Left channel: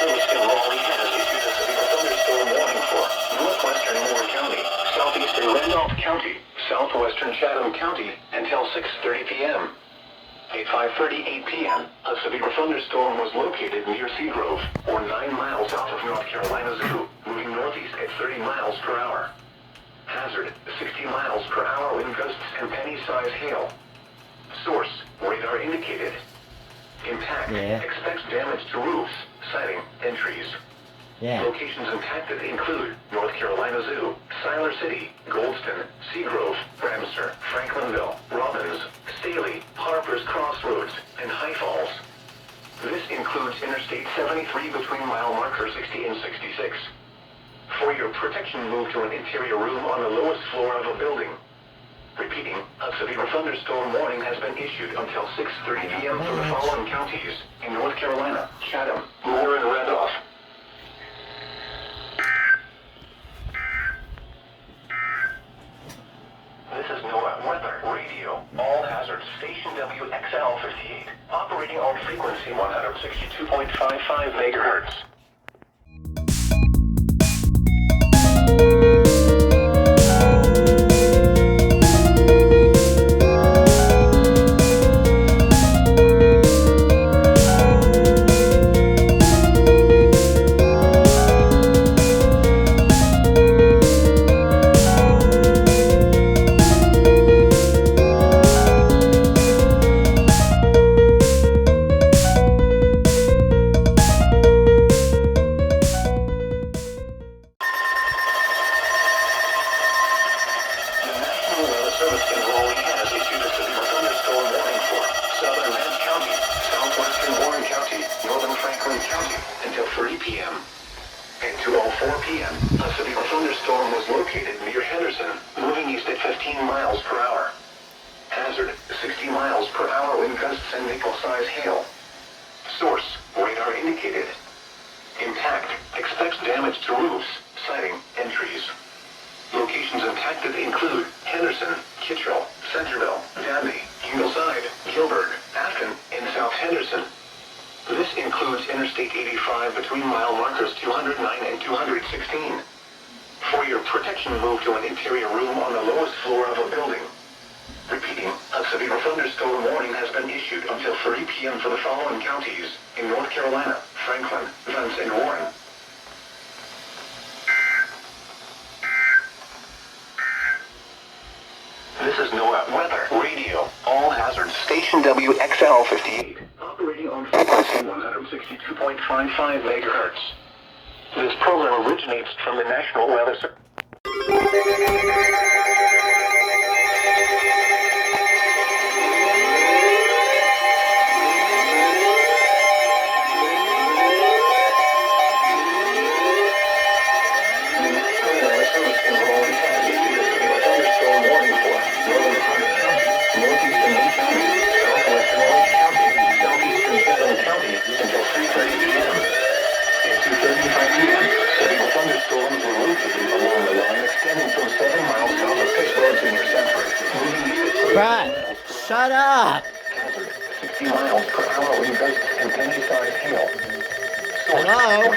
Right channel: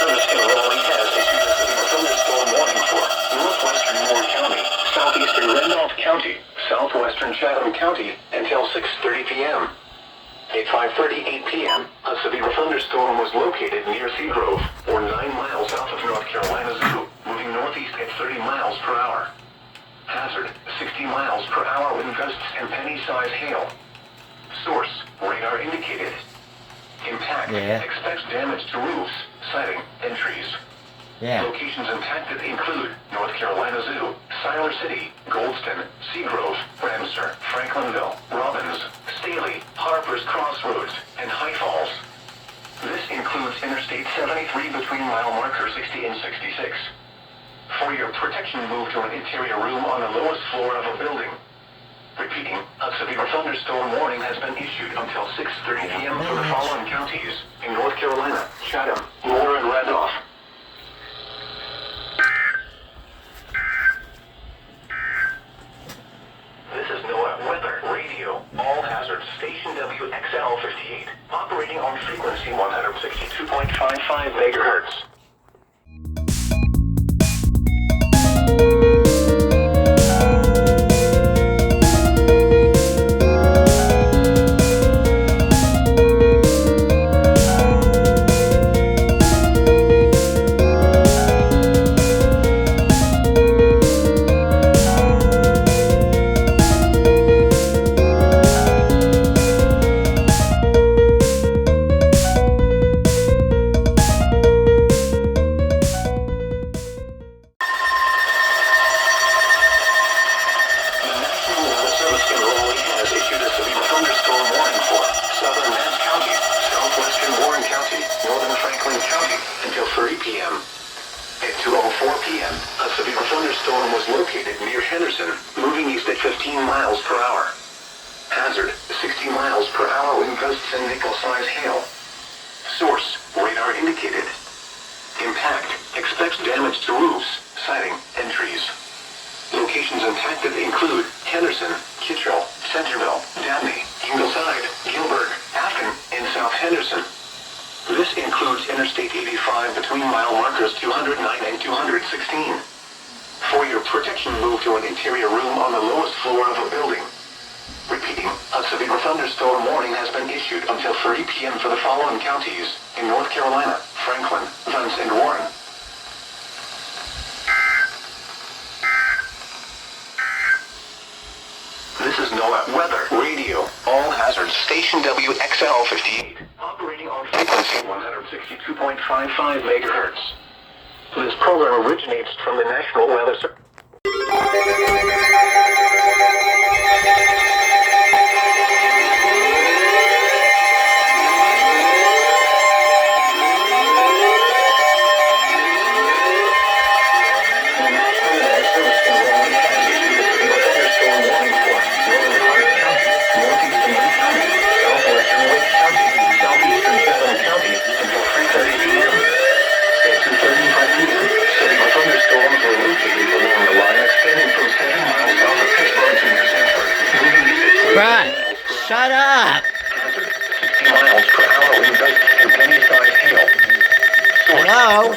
Service in Raleigh has issued a severe thunderstorm warning for northwestern Moore County, southeastern Randolph County, southwestern Chatham County until 6:30 p.m. At 5:38 p.m., a severe thunderstorm was located near Seagrove, or 9 miles south of North Carolina Zoo, moving northeast at 30 miles per hour. Hazard, 60 miles per hour wind gusts and penny-sized hail. Source, radar indicated. Impact, expects damage to roofs, siding, and trees. Locations impacted include North Carolina Zoo, Siler City, Goldston, Seagrove, Ramsar, Franklinville, Robbins, Staley, Harper's Crossroads, and High Falls. This includes Interstate 73 between mile marker 60 and 66. For your protection, move to an interior room on the lowest floor of a building. Repeating, a severe thunderstorm warning has been issued until 6:30 p.m. for the following counties in North Carolina: Chatham, Moore, and Randolph. This is NOAA Weather Radio. All hazards, station WXL58, operating on frequency 162.55 megahertz. This includes Interstate 85 between mile markers 209 and 216. For your protection, move to an interior room on the lowest floor of a building. Repeating, a severe thunderstorm warning has been issued until 3 p.m. for the following counties in North Carolina: Franklin, Vance, and Warren. This is NOAA Weather Radio. All hazards, station WXL58, operating on frequency 162.55 megahertz. This program originates from the National Weather Service. Brad, shut up! Hello?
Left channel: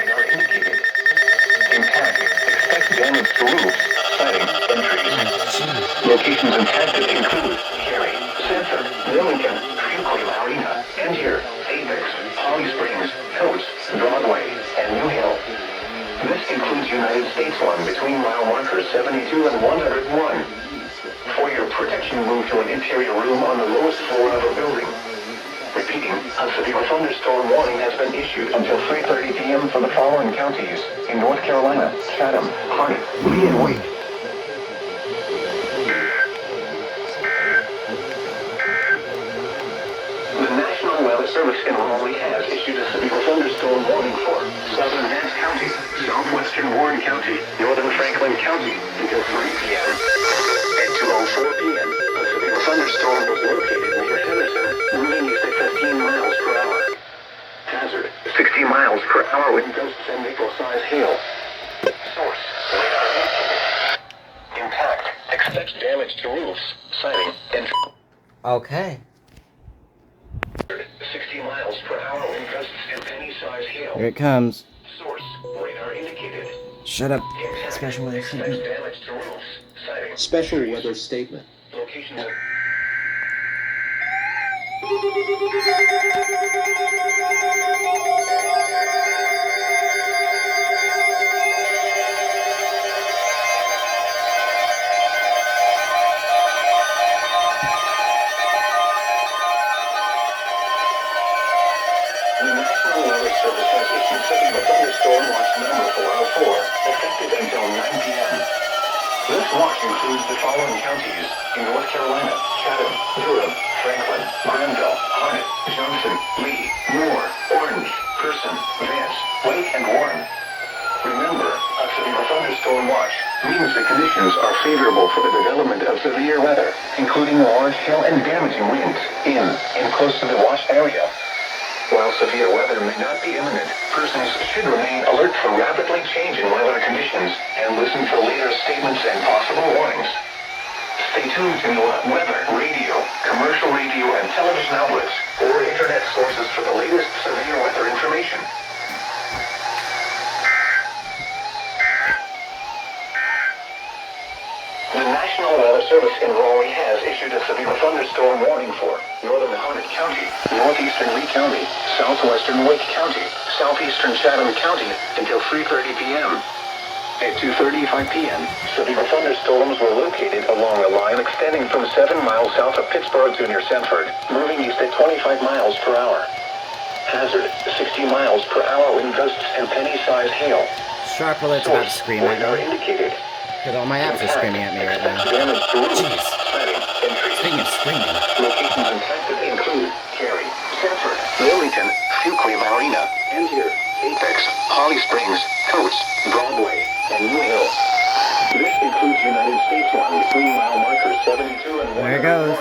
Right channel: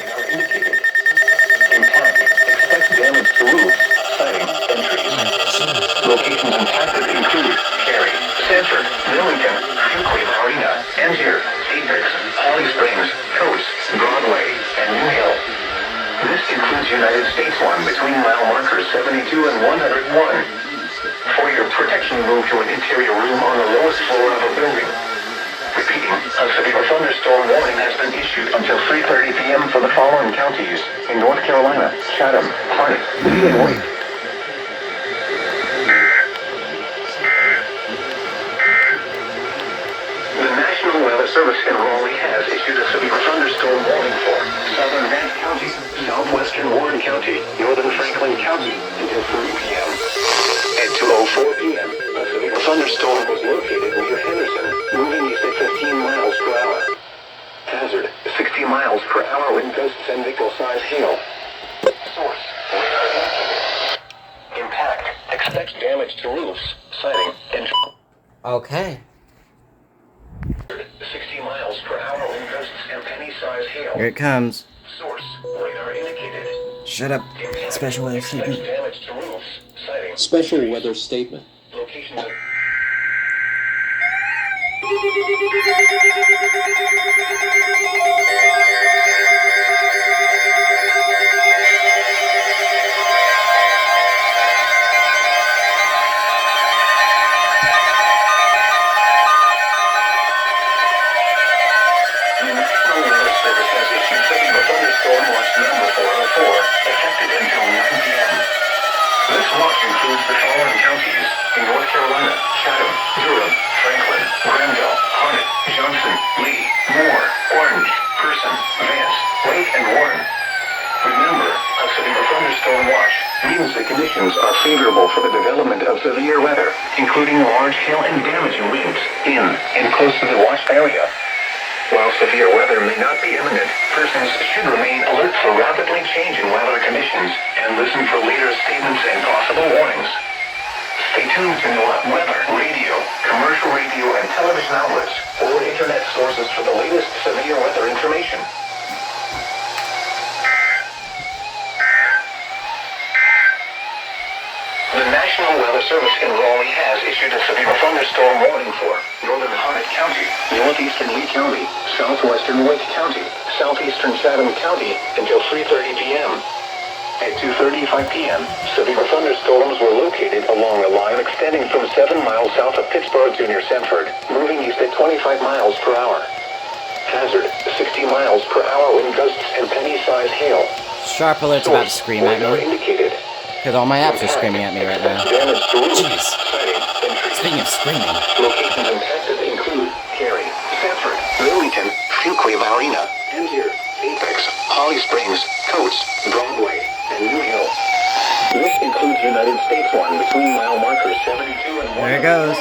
Locations impacted include Cary, Sanford, Millington, Hinkley Marina, Angier, Apex, Holly Springs, Coast, Broadway, and New Hill. This includes United States 1 between mile markers 72 and 101. For your protection, move to an interior room on the lowest floor of a building. Repeating, a severe thunderstorm warning has been issued until 3:30 p.m. for the following counties in North Carolina: Chatham, Harney, Lee, and Wake. The National Weather Service in Raleigh has issued a severe thunderstorm warning for southern Vance County, southwestern Warren County, northern Franklin County until 3 p.m. At 2:04 p.m., a severe thunderstorm was located near Henderson, moving east at 15 miles per hour. Hazard, 60 miles per hour wind gusts and nickel-sized hail. Source, impact, expect damage to roofs, siding, and... Okay. 60 miles per hour wind gusts and penny-sized hail. Here it comes. Shut up. Special weather statement. Damage to roofs. Sighting. Special weather statement. Locations of... The National Weather Service has issued severe thunderstorm watch number 404, effective until 9 p.m. This watch includes the following counties in North Carolina: Chatham, Durham, Franklin, Granville, Harnett, Johnson, Lee, Moore, Orange, Person, Vance, Wake, and Warren. Remember, a severe thunderstorm watch means the conditions are favorable for the development of severe weather, including large hail and damaging winds in and close to the watched area. While severe weather may not be imminent, persons should remain alert for rapidly changing weather conditions and listen for later statements and possible warnings. Stay tuned to your weather, radio, commercial radio and television outlets, or internet sources for the latest severe weather information. The National Weather Service in Raleigh has issued a severe thunderstorm warning for northern Harnett County, northeastern Lee County, southwestern Wake County, southeastern Chatham County until 3:30 p.m. At 2:35 p.m., severe thunderstorms were located along a line extending from 7 miles south of Pittsburgh to near Sanford, moving east at 25 miles per hour. Hazard, 60 miles per hour wind gusts and penny-sized hail. Sharp alert's about to scream at Radar me. indicated. Because all my apps are screaming at me right now. Damage to roofs. Jeez. Sighting, entries. Speaking of screaming. Locations impacted include Cary, Sanford, Wilmington, Fuquay Marina, Angier, Apex, Holly Springs, Coates, Broadway, and New Hill. This includes United States 1 between mile markers 72 and 1. There it goes.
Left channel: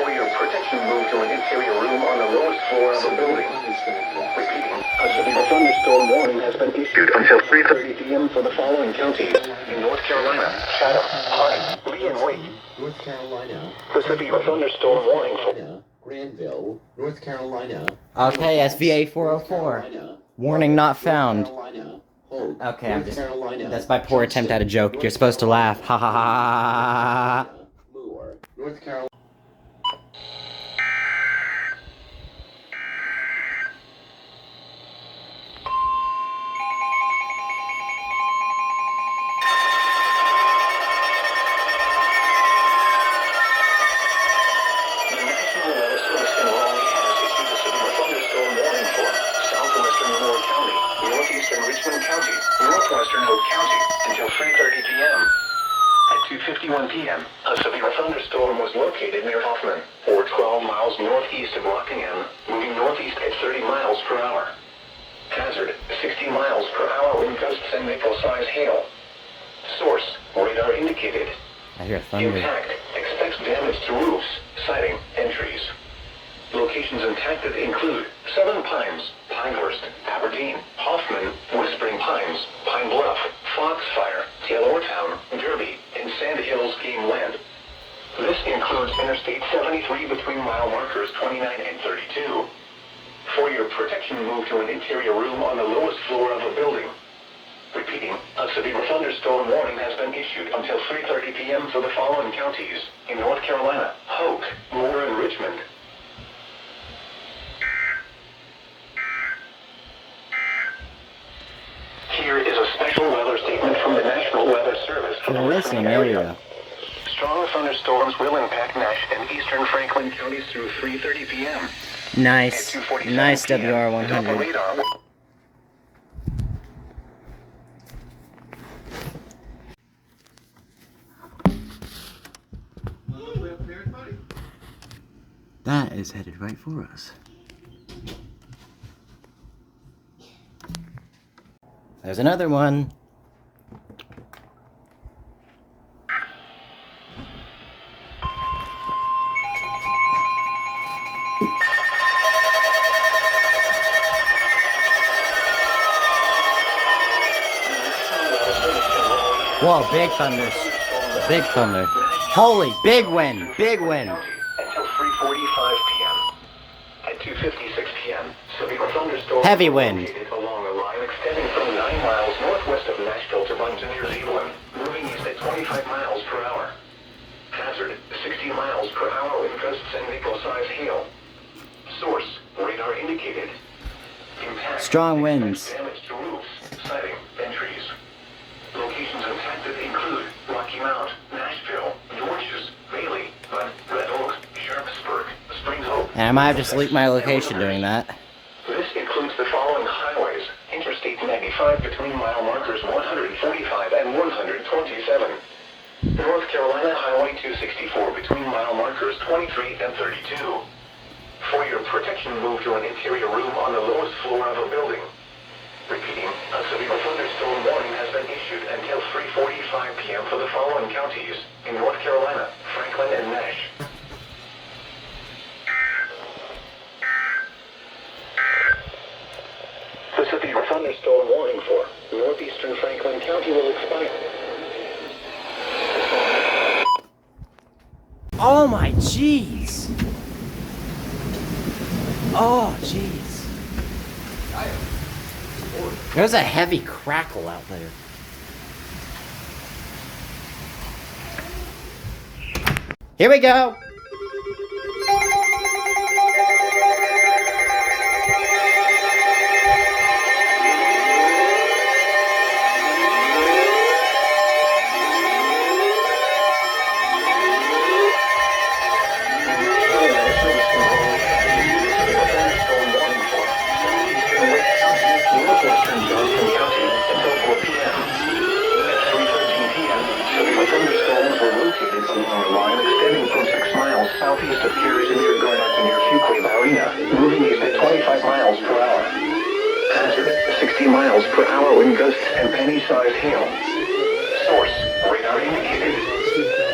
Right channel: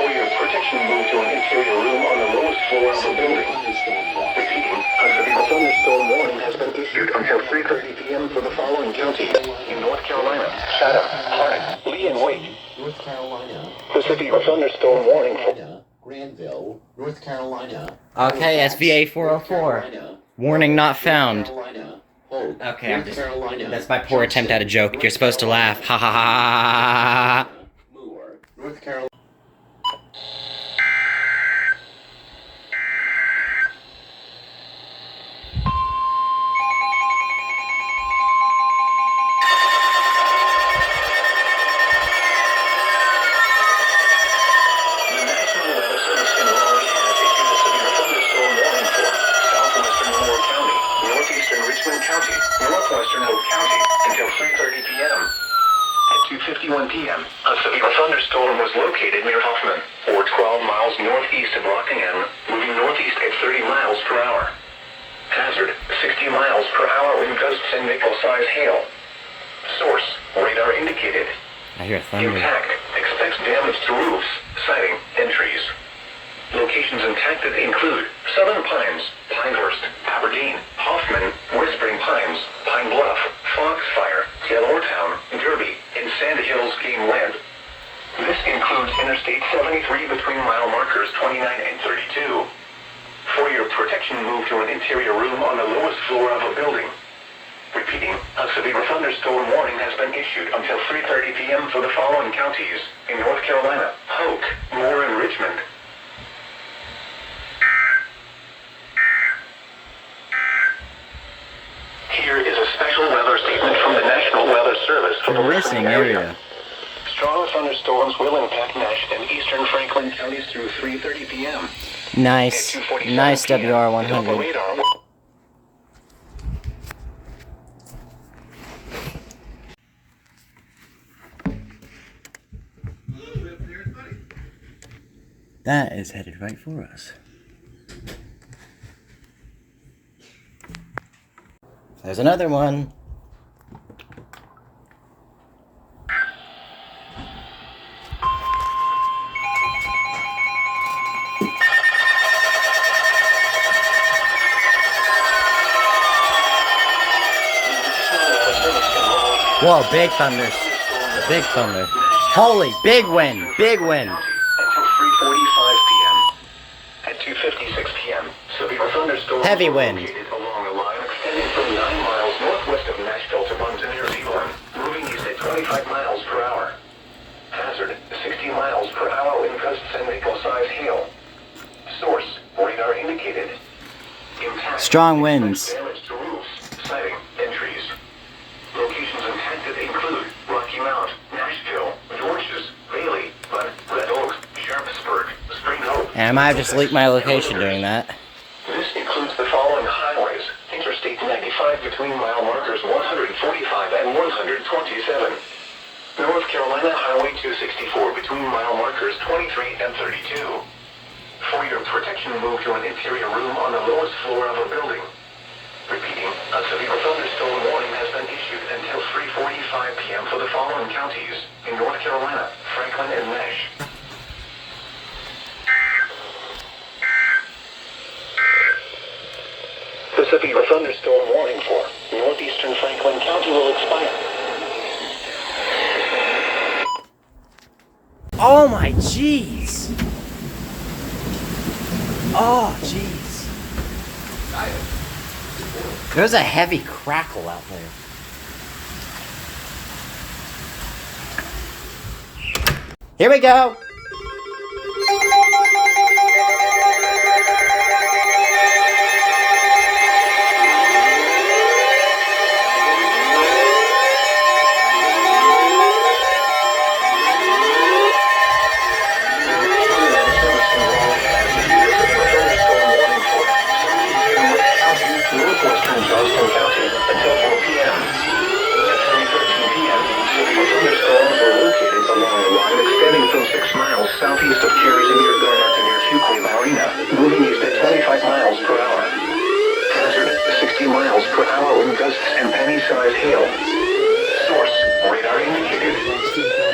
For your protection, move to an interior room on the lowest floor of the building. Repeating, a severe thunderstorm warning has been issued until 3:30 p.m. for the following counties in North Carolina: Chatham, Harnett, Lee, and Wake. North Carolina. The severe thunderstorm warning for Granville, North Carolina. Okay, SVA 404. Warning not found. Okay, I'm just... That's my poor attempt at a joke. You're supposed to laugh. Ha ha ha ha ha. Moore, North Carolina. The National Weather Service in Raleigh has issued a severe thunderstorm warning for southwestern Moore County, northeastern Richmond County, northwestern Hope County until 3:30 p.m. At 2:51 p.m., a severe thunderstorm was located near Hoffman, or 12 miles northeast of Rockingham, moving northeast at 30 miles per hour. Hazard, 60 miles per hour wind gusts and nickel-sized hail. Source, radar indicated. I hear thunder. Impact, expects damage to roofs, siding, and trees. Locations impacted include Southern Pines, Pinehurst, Aberdeen, Hoffman, Whispering Pines, Pine Bluff, Foxfire, Taylortown, Derby, and Sand Hills Game Land. This includes Interstate 73 between mile markers 29 and 32. For your protection, move to an interior room on the lowest floor of a building. Repeating, a severe thunderstorm warning has been issued until 3:30 p.m. for the following counties in North Carolina: Hoke, Moore, and Richmond. Here is a special weather statement from the National Weather Service for the listening area. Strong thunderstorms will impact Nash and eastern Franklin counties through 3:30 p.m. Nice. At 2:45 Nice p.m., Delta WR100. radar will- That is headed right for us. There's another one. Whoa, big thunders. Big thunder. Holy, big wind. Big wind. Until 3:45 p.m. At 2:56 p.m., severe thunderstorms Heavy were wind. located along a line extending from 9 miles northwest of Nashville 60 miles per hour in gusts and nickel-sized hail. Source, radar indicated. Impact. Strong winds. Damage to roofs, siding, and trees. Locations impacted include Rocky Mount, Nashville, Dorchester, Bailey, Bud, Red Oak, Sharpsburg, Spring Hope. And I might have just leaked my location doing that. This includes the following highways. Interstate 95 between mile markers 145 and 127. North Carolina Highway 264 between mile markers 23 and 32. For your protection, move to an interior room on the lowest floor of a building. Repeating, a severe thunderstorm warning has been issued until 3:45 p.m. for the following counties in North Carolina, Franklin and Nash. The severe thunderstorm warning for northeastern Franklin County will expire. Oh my jeez! Oh jeez. There's a heavy crackle out there. Here we go! Southeast of Jersey near Garnett and near Fuquay Arena, moving east at 25 miles per hour. Hazard, 60 miles per hour wind gusts and penny-sized hail. Source, radar indicated.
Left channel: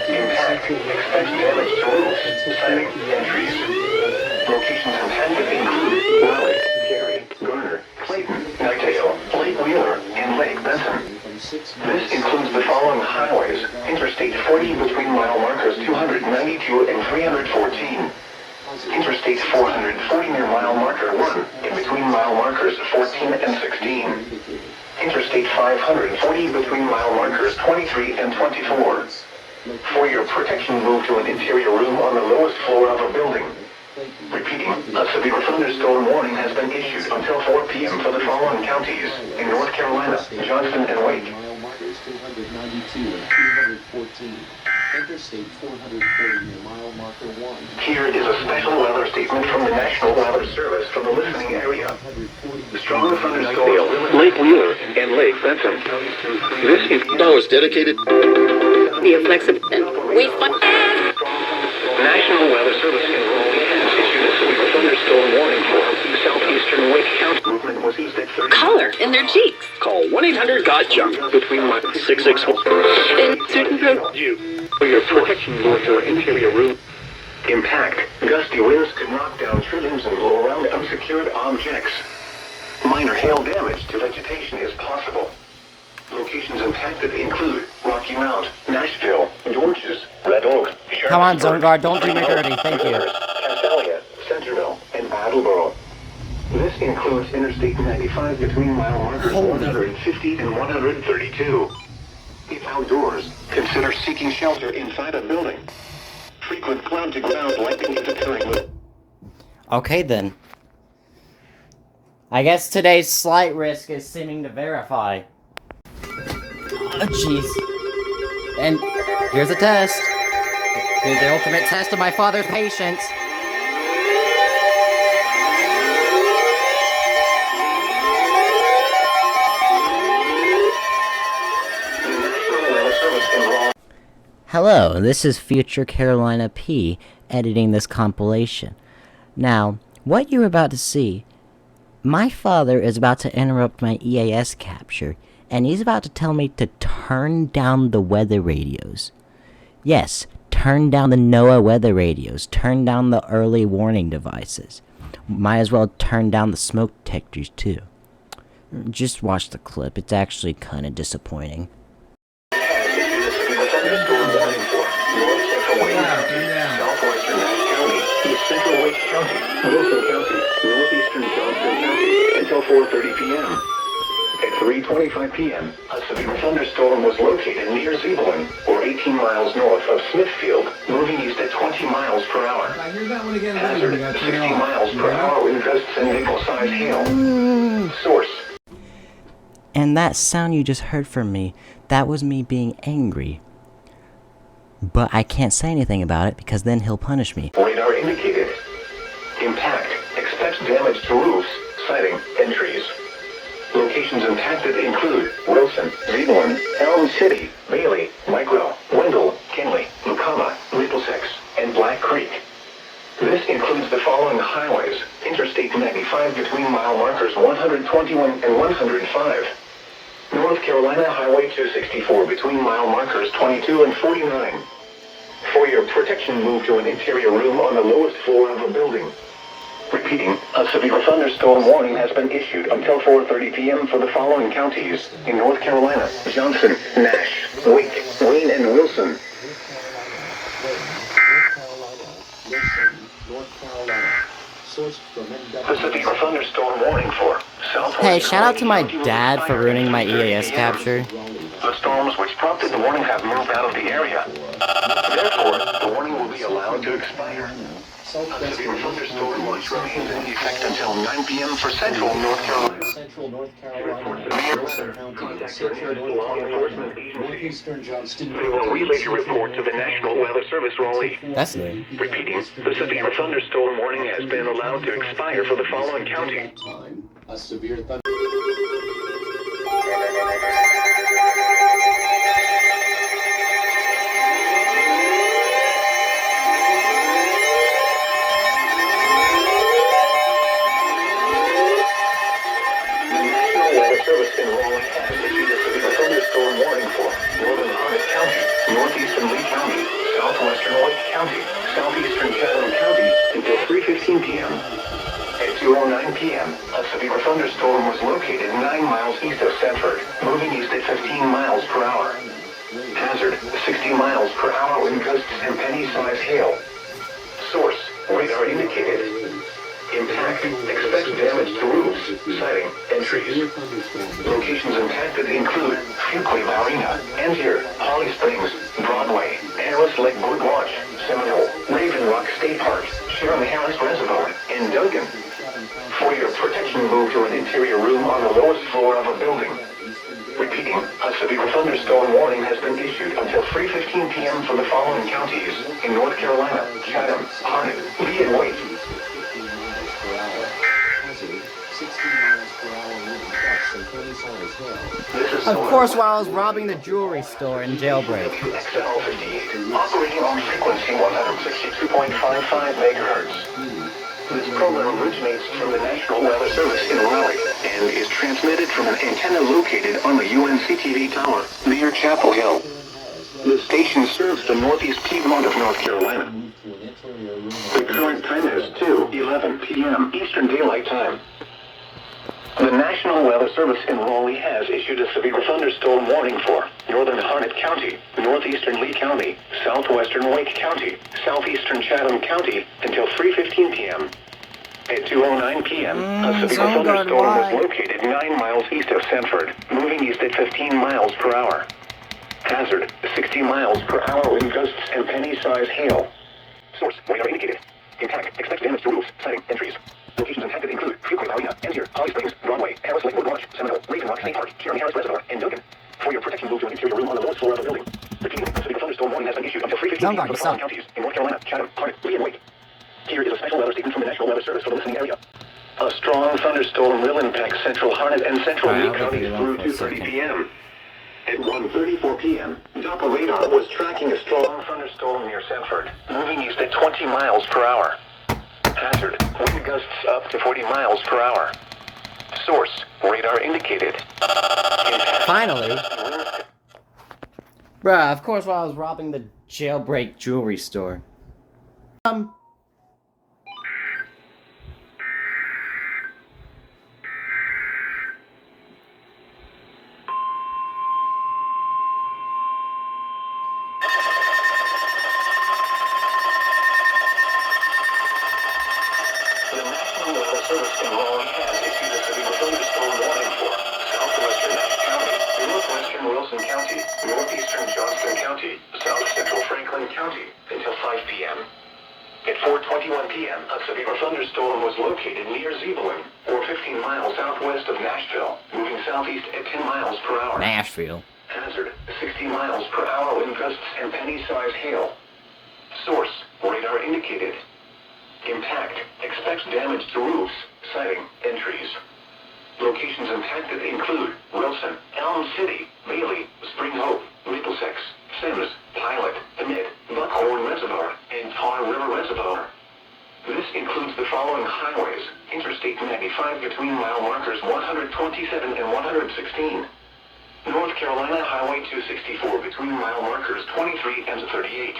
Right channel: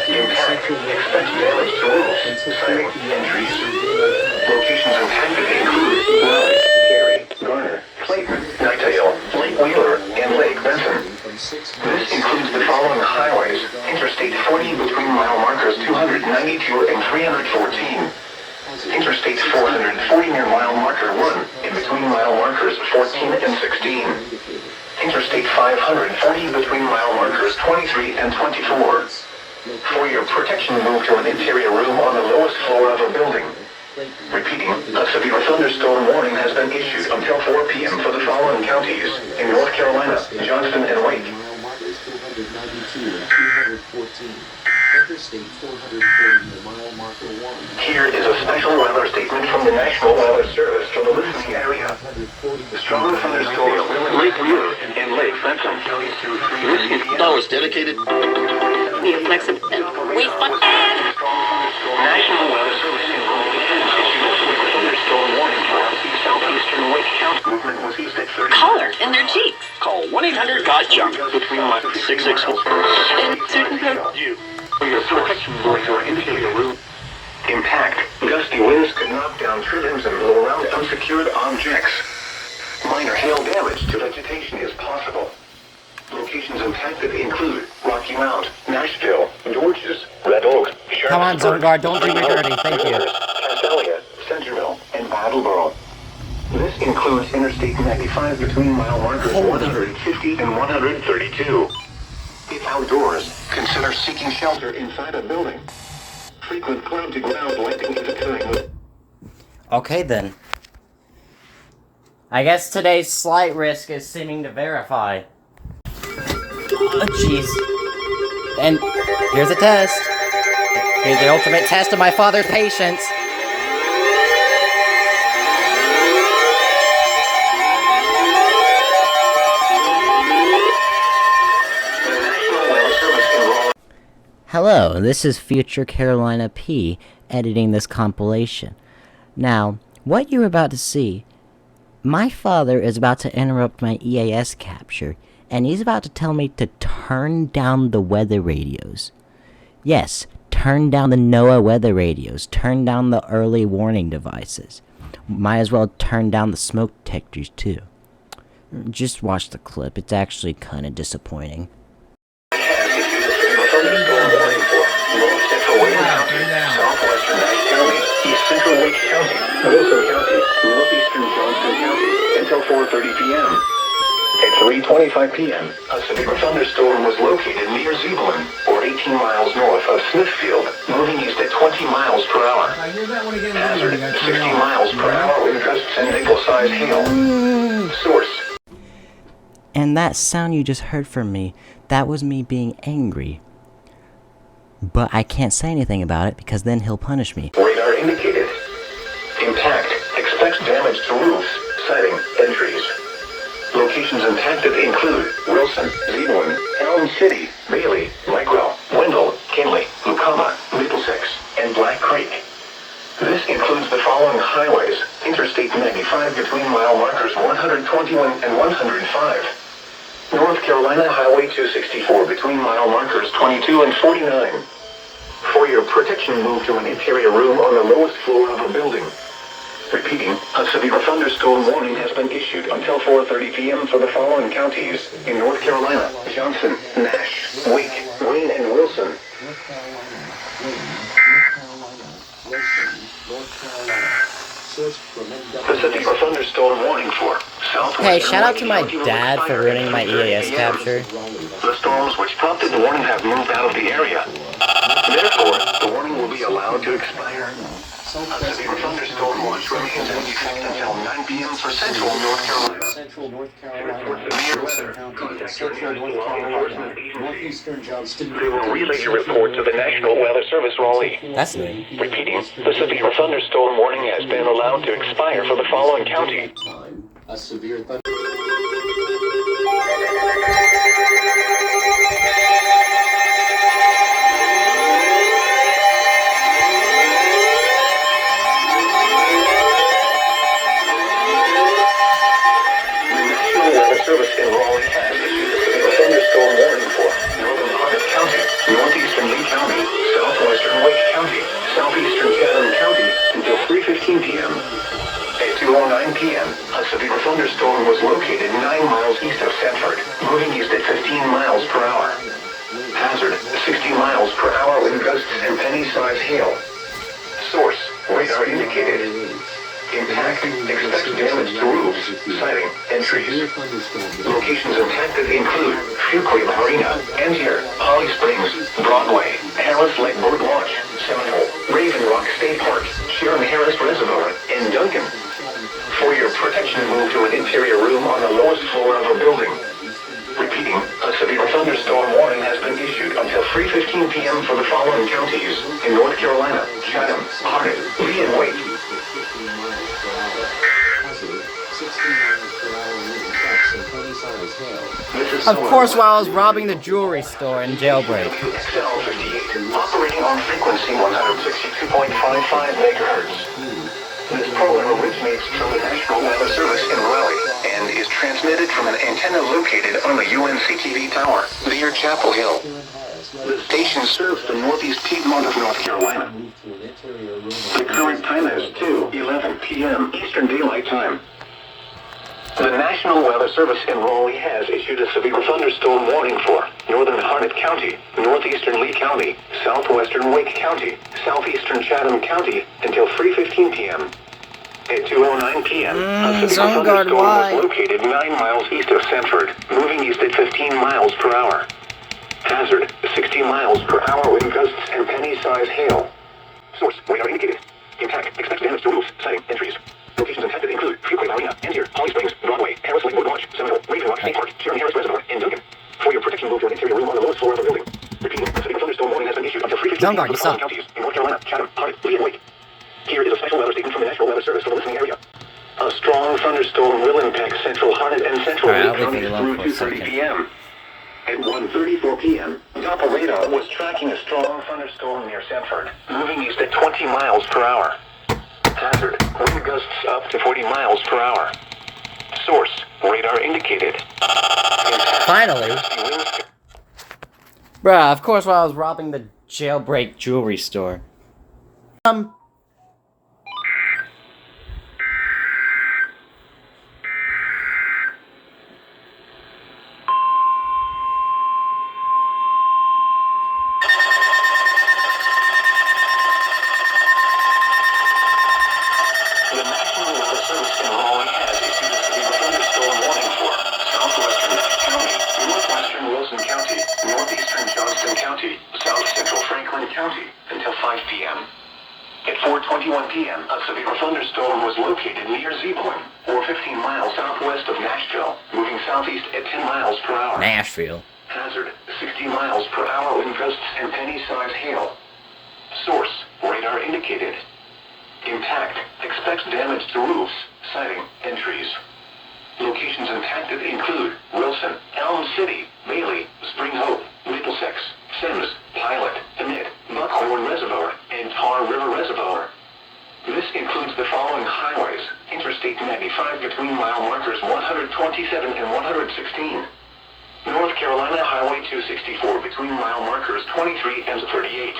Impact, expect damage to roofs, siding, and trees. Locations impacted include Raleigh, Cary, Garner, Clayton, Knightdale, Lake Wheeler, and Lake Benson. This includes the following highways. Interstate 40 between mile markers 292 and 314. Interstate 440 near mile marker 1 and between mile markers 14 and 16. Interstate 540 between mile markers 23 and 24. For your protection, move to an interior room on the lowest floor of a building. Repeating, a severe thunderstorm warning has been issued until 4 p.m. for the following counties in North Carolina, Johnson and Wake. Interstate 440 near mile marker 1. Here is a special weather statement from the National Weather Service for the listening area. Strong thunderstorms, Lake Wheeler and Lake Benson. This is Flowers dedicated. Be flexible. Wait, National Weather Service enrolled issued a severe thunderstorm warning for southeastern Wake County. Movement was east at 30. color in their cheeks. Call 1-800-GOT-JUNK. Between my 664. In certain You. For your protection, move to an interior room. Impact. Gusty winds can knock down trimmings and blow around unsecured objects. Minor hail damage to vegetation is possible. Locations impacted include Rocky Mount, Nashville, Dorchester, Red Oak, Come on, Zone Guard, don't do me dirty, thank you. Castalia, Centerville, and Attleboro. This includes Interstate 95 between mile markers 150 and 132. If outdoors, consider seeking shelter inside a building. Frequent ground-to-ground lightning is occurring. Okay then. I guess today's slight risk is seeming to verify. Oh jeez. And here's a test. Here's the ultimate test of my father's patience. Hello, this is Future Carolina P editing this compilation. Now, what you're about to see, my father is about to interrupt my EAS capture, and he's about to tell me to turn down the weather radios. Yes, turn down the NOAA weather radios, turn down the early warning devices. Might as well turn down the smoke detectors too. Just watch the clip, it's actually kinda disappointing. Southwestern Nash County, East Central Wake County, Wilson County, Northeastern Johnson County, until 4:30 p.m. At 3:25 p.m., a severe thunderstorm was located near Zebulon, or 18 miles north of Smithfield, moving east at 20 miles per hour. I hear that one again. Hazard, You got 60 to know. miles per hour wind gusts and nickel-sized hail. Source. And that sound you just heard from me, that was me being angry. But I can't say anything about it because then he'll punish me. Radar indicated. Impact. Expect damage to roofs, siding, and trees. Locations impacted include Wilson, Zebulon, Elm City, Bailey, Micro, Wendell, Kinley, Lucama, Middlesex, and Black Creek. This includes the following highways: Interstate 95 between mile markers 121 and 105. North Carolina Highway 264 between mile markers 22 and 49. For your protection, move to an interior room on the lowest floor of a building. Repeating, a severe thunderstorm warning has been issued until 4:30 p.m. for the following counties in North Carolina: Johnson, Nash, Wake, Wayne, and Wilson. The severe thunderstorm warning for southwestern. Hey, shout out to my Wayne County will dad for expire ruining my at 3:30 EAS p.m. capture. The storms which prompted the warning have moved out of the area. Therefore, the warning will be allowed to expire. A severe thunderstorm watch remains in effect until 9 p.m. for central North Carolina. Central North Carolina, Severe Western weather. County, Contact Central your North national law Carolina, enforcement agency. Northeastern Johnston. They will relay your report to the National Weather Service Raleigh. That's new. Repeating, the severe thunderstorm warning has been allowed to expire for the following county. A severe thunder. The National Weather Service in Raleigh has issued a severe thunderstorm warning for northern Harnett County, northeastern Lee County, southwestern Wake County, southeastern Chatham County until 3:15 p.m. At 2:09 p.m., a severe thunderstorm was located 9 miles east of Sanford, moving east at 15 miles per hour. Hazard, 60 miles per hour wind gusts and penny-sized hail. Source, radar indicated. Impact, expect damage to roofs, siding, and trees. Locations impacted include Fuquay Marina, Angier, Holly Springs, Broadway, Harris Lake Birdwatch, Seminole, Raven Rock State Park, Sharon Harris Reservoir, and Duncan. For your protection, move to an interior room on the lowest floor of a building. Repeating, a severe thunderstorm warning has been issued until 3:15 p.m. for the following counties in North Carolina: Chatham, Harnett, Lee, and Wake. Of course, while I was robbing the jewelry store in jailbreak. XL58, operating on frequency 162.55 megahertz. This program originates from the National Weather Service in Raleigh and is transmitted from an antenna located on the UNCTV tower near Chapel Hill. The station serves the northeast Piedmont of North Carolina. The current time is 2:11 p.m. Eastern Daylight Time. The National Weather Service in Raleigh has issued a severe thunderstorm warning for northern Harnett County, northeastern Lee County, southwestern Wake County, southeastern Chatham County until 3:15 p.m. At 2:09 p.m., a severe thunderstorm was located 9 miles east of Sanford, moving east at 15 miles per hour. Hazard, 60 miles per hour wind gusts and penny-sized hail. Source, radar indicated. Impact, expect damage to roofs, siding, and trees. Locations impacted include Fuquay Marina, Angier, Holly Springs, Broadway, Harris Lake Birdwatch, Seminole, Raven Rock State Park, Sharon Harris Reservoir, and Duncan. For your protection, move to an interior room on the lowest floor of a building. Repeating, the severe thunderstorm warning has been issued until 3:15 p.m. for the following counties in North Carolina: Chatham, Harnett, Lee, and Wake. Here is a special weather statement from the National Weather Service for the listening area. A strong thunderstorm will impact central Harnett and central Lee counties through 2:30 p.m. At 1:34 p.m., Doppler radar was tracking a strong thunderstorm near Sanford, moving east at 20 miles per hour. Hazard, wind gusts up to 40 miles per hour. Source, radar indicated. Impact, Finally. winds. Bruh, of course while I was robbing the jailbreak jewelry store. The National Weather Service in Raleigh has issued a severe thunderstorm warning for southwest County until 5 p.m. At 4:21 p.m., a severe thunderstorm was located near Zebulon, or 15 miles southwest of Nashville, moving southeast at 10 miles per hour. Nashville. Hazard, 60 miles per hour wind gusts and penny-sized hail. Source, radar indicated. Impact, expects damage to roofs, siding, and trees. Locations impacted include Wilson, Elm City, Bailey, Spring Hope, Middlesex, Sims, Pilot, Emmett, Buckhorn Reservoir, and Tar River Reservoir. This includes the following highways: Interstate 95 between mile markers 127 and 116. North Carolina Highway 264 between mile markers 23 and 38.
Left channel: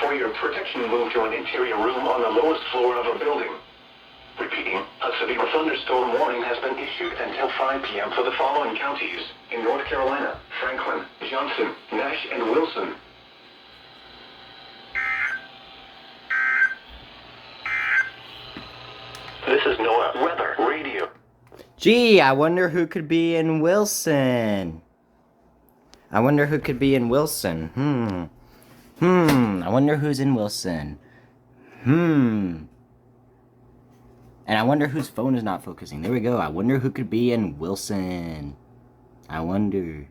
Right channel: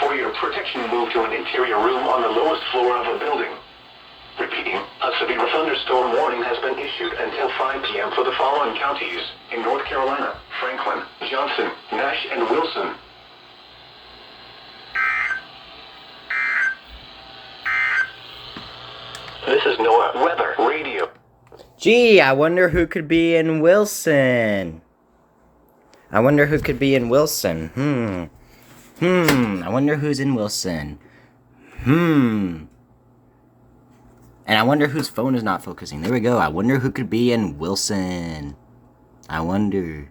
For your protection, move to an interior room on the lowest floor of a building. Repeating, a severe thunderstorm warning has been issued until 5 p.m. for the following counties in North Carolina: Franklin, Johnson, Nash, and Wilson. This is NOAA Weather Radio. Gee, I wonder who could be in Wilson. I wonder who could be in Wilson. I wonder who's in Wilson. And I wonder whose phone is not focusing. There we go. I wonder who could be in Wilson. I wonder.